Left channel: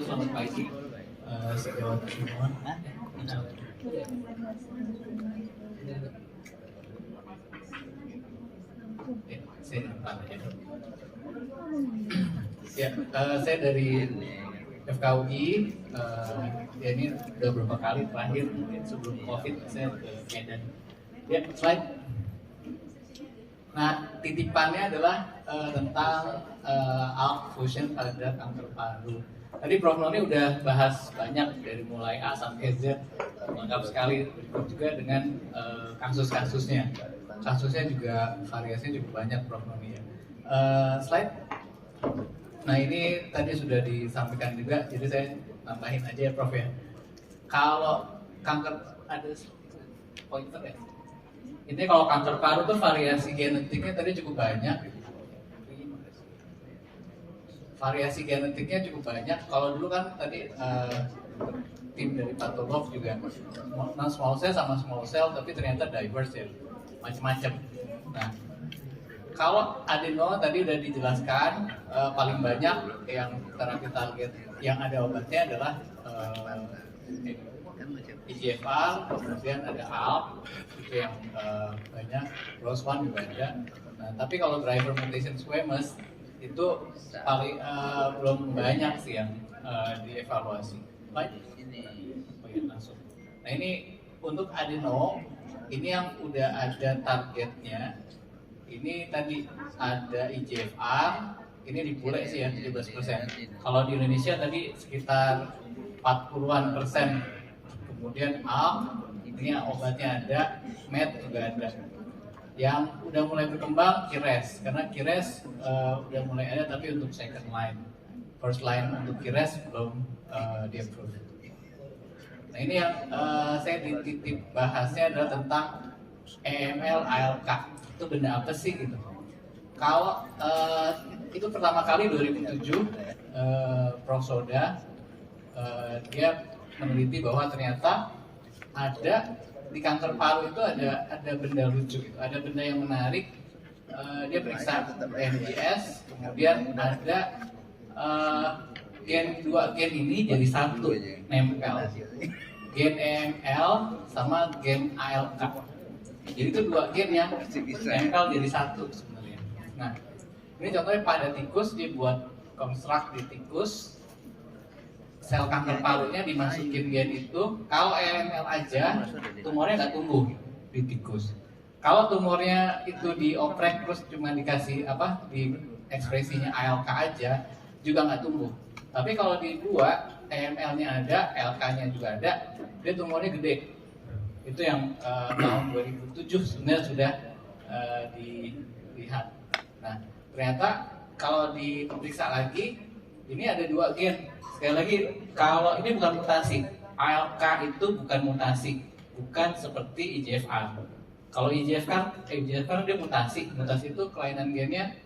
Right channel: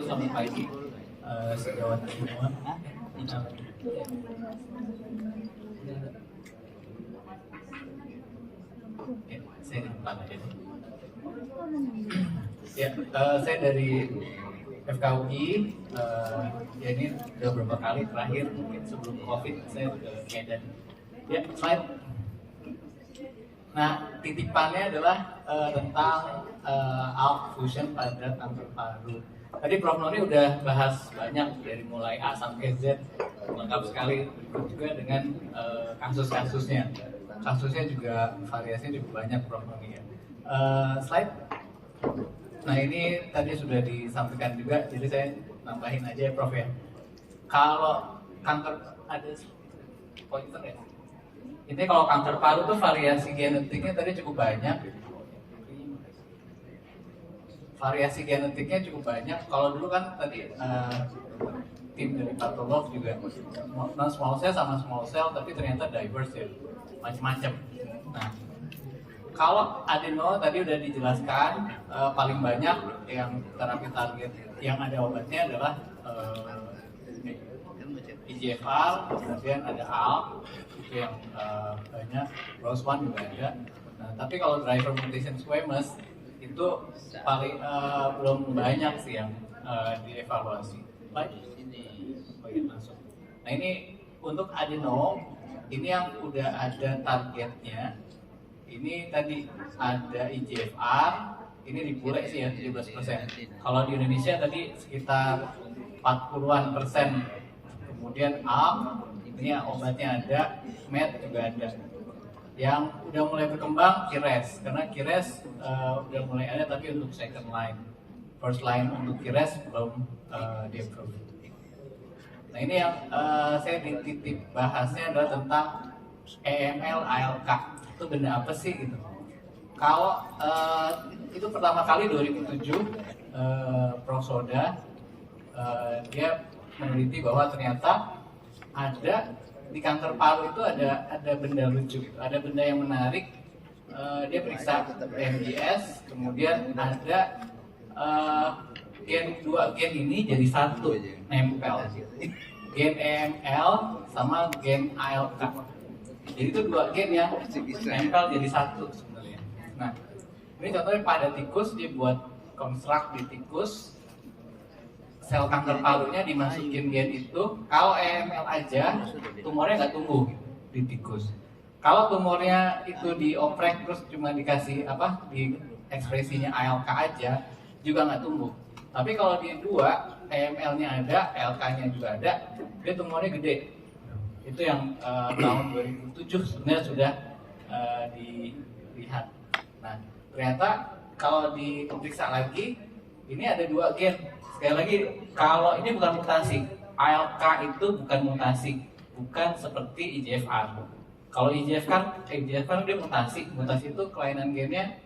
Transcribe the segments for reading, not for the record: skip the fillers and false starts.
Selamat pagi sejawat semua. Saya di depan aja. Saya dari FKUI. Ya ini udah berapa kali terakhir mungkin sebelum COVID saya ke Medan. Ya, slide. Nah, titipannya adalah tentang ALK fusion pada kanker paru. Tadi Prof. Noni udah bahas banyak dari mulai A sampai Z, lengkap sekali. Berikut juga dengan kasus-kasusnya. Kasusnya juga variasinya cukup banyak, Prof. Noni ya. Slide. Nah, ini tadi sudah disampaikan juga, jadi saya nambahin aja ya, Prof. ya. Kalau kanker ada pointer ya. Ini kalau kanker paru tuh variasi genetiknya tadi cukup banyak. Variasi genetiknya cukup banyak. Kalau dulu kan tadi tim dari patolog juga non small cell sama small cell, tapi ternyata diverse ya, macam-macam. Nah, kalau adeno tadi udah dijelaskan, paling banyak yang terapi target yang ada obatnya adalah EGFR, kemudian ada ALK, itu yang banyak, ROS1 juga ada. Nah, tapi kalau driver mutation squamous itu paling belum banyak sih yang dievaluasi. Baik, langsung. Nah, ini untuk adeno, ini yang udah ada targetnya. Ini tadi ada EGFR, ini di bule sih ya 17%. Kalau di Indonesia tadi sekitar 40-an%. Kemudian ALK, ini ya obatnya ada, MET juga ada. Yang udah mulai berkembang KIRES, karena KIRES udah mulai ada tapi untuk second line. First line untuk KIRES belum di-approve. Nah, ini yang saya dititip bahasnya adalah tentang EML ALK. Itu benda apa sih gitu? Kalau itu pertama kali 2007 Prof. Soda dia meneliti bahwa ternyata ada di kanker paru itu ada benda lucu gitu, ada benda yang menarik. Dia periksa NGS, kemudian ada dua gen ini jadi satu nempel, gen EML sama gen ALK. Jadi itu dua gen yang nempel jadi satu sebenarnya. Nah, ini contohnya pada tikus, dia buat konstruk di tikus. Sel kanker parunya dimasukin gen itu. Kalau EML aja, tumornya nggak tumbuh di tikus. Kalau tumornya itu dioprek terus cuma dikasih di ekspresinya ALK aja, juga nggak tumbuh. Tapi kalau di dua, EML-nya ada, ALK-nya juga ada, dia tumornya gede. Itu yang tahun 2007 sebenarnya sudah dilihat. Nah, ternyata kalau diperiksa lagi, ini ada dua gen. Sekali lagi, kalau ini bukan mutasi, ALK itu bukan mutasi, bukan seperti EGFR. Kalau EGFR dia mutasi itu kelainan gennya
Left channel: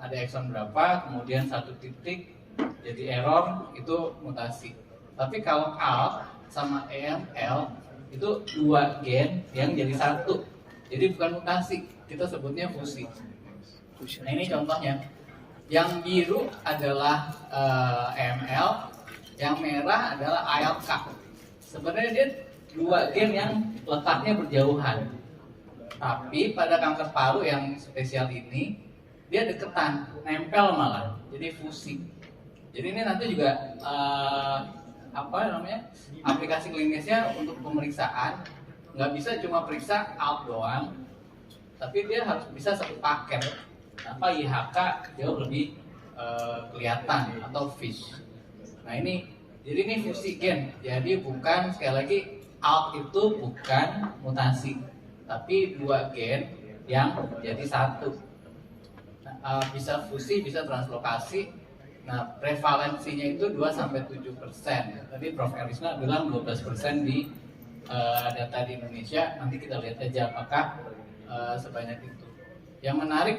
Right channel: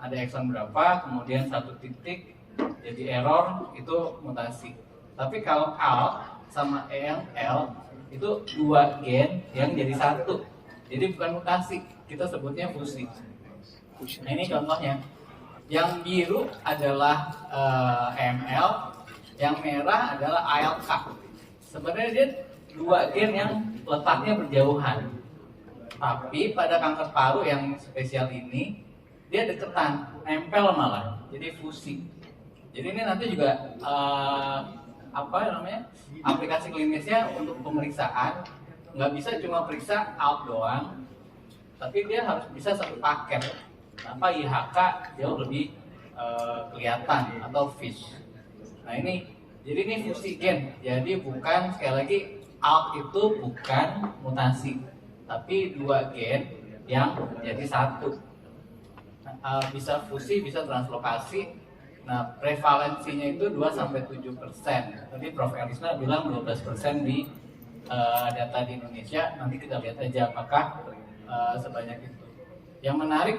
ada ekson berapa, kemudian satu titik jadi error, itu mutasi. Tapi kalau ALK sama EML itu dua gen yang jadi satu, jadi bukan mutasi, kita sebutnya fusi. Nah, ini contohnya. Yang biru adalah EML, yang merah adalah ALK. Sebenarnya dia dua gen yang letaknya berjauhan. Tapi pada kanker paru yang spesial ini, dia deketan, nempel malah, jadi fusi. Jadi ini nanti juga aplikasi klinisnya untuk pemeriksaan nggak bisa cuma periksa ALK doang, tapi dia harus bisa satu paket. IHK jauh lebih kelihatan atau FISH. Nah, jadi ini fusi gen. Jadi bukan, sekali lagi, ALK itu bukan mutasi, tapi dua gen yang jadi satu. Nah, bisa fusi, bisa translokasi. Nah, prevalensinya itu 2-7%. Tadi Prof. Elisna bilang 12% di data di Indonesia. Nanti kita lihat aja apakah sebanyak itu. Yang menarik,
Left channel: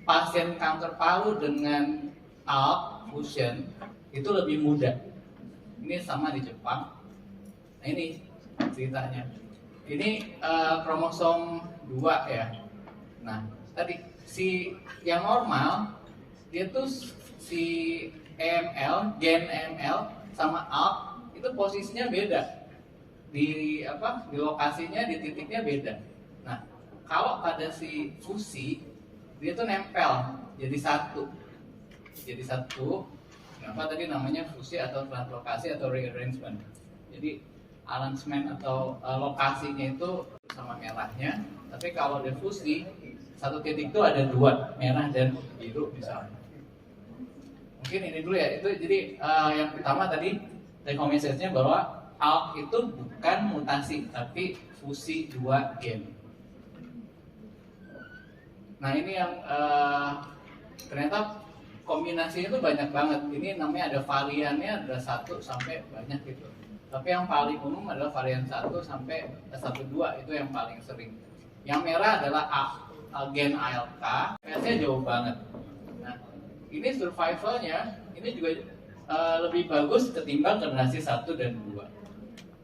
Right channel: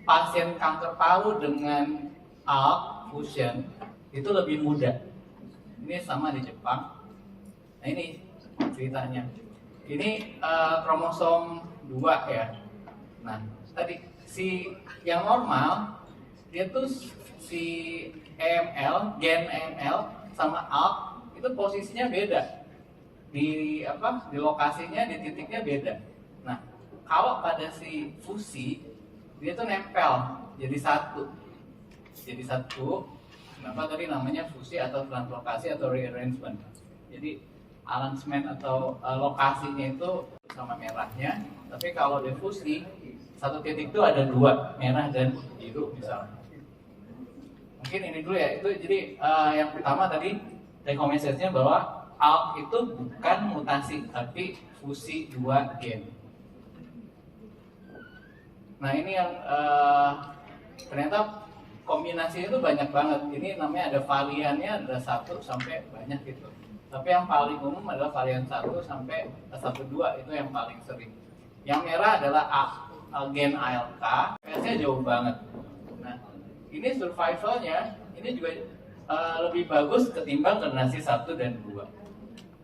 pasien kanker paru dengan ALK fusion itu lebih muda. Ini sama di Jepang. Nah, ini ceritanya. Ini kromosom 2 ya. Nah, tadi si yang normal dia tuh si gen AML sama ALK itu posisinya beda. Di lokasinya, di titiknya beda. Nah, kalau pada si fusi dia tuh nempel jadi satu. Kenapa tadi namanya fusi atau translokasi atau rearrangement? Jadi arrangement atau lokasinya itu sama merahnya, tapi kalau difusi satu titik itu ada dua, merah dan biru misalnya. Mungkin ini dulu ya. Itu jadi yang pertama tadi take home message-nya bahwa ALK itu bukan mutasi, tapi fusi dua gen. Nah ini yang ternyata kombinasinya itu banyak banget. Ini namanya ada variannya, ada 1 sampai banyak gitu. Tapi yang paling umum adalah varian 1 sampai 12 itu yang paling sering. Yang merah adalah gen ALK, PS-nya jauh banget. Nah ini survivalnya ini juga lebih bagus ketimbang generasi 1 dan 2.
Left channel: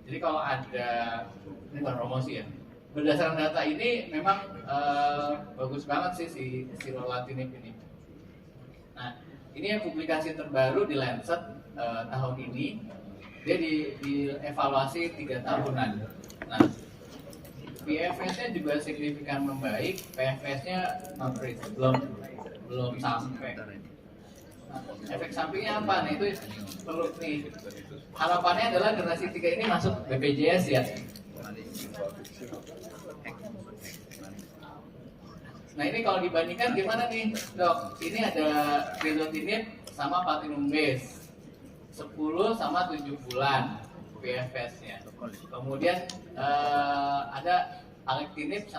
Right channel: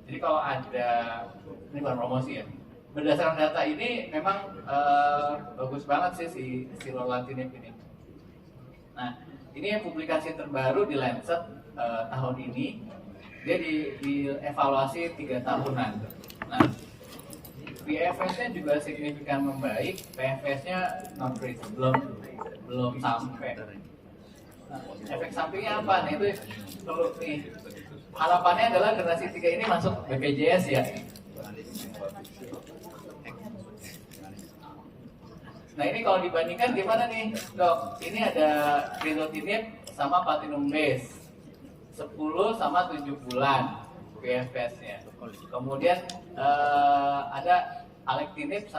Jadi kalau ada, ini bukan promosi ya, berdasarkan data ini memang bagus banget sih si lorlatinib ini. Nah ini yang publikasi terbaru di Lancet tahun ini, dia dievaluasi 3 tahunan. Nah PFS-nya juga signifikan membaik, PFS-nya not reach, belum sampai. Nah, efek sampingnya apa nih? Itu turut nih. Harapannya adalah generasi 3 ini masuk BPJS ya. Nah ini kalau dibandingkan gimana nih dok? Ini ada crizotinib sama platinum base 10 sama 7 bulan PFS-nya. Kemudian ada alectinib sama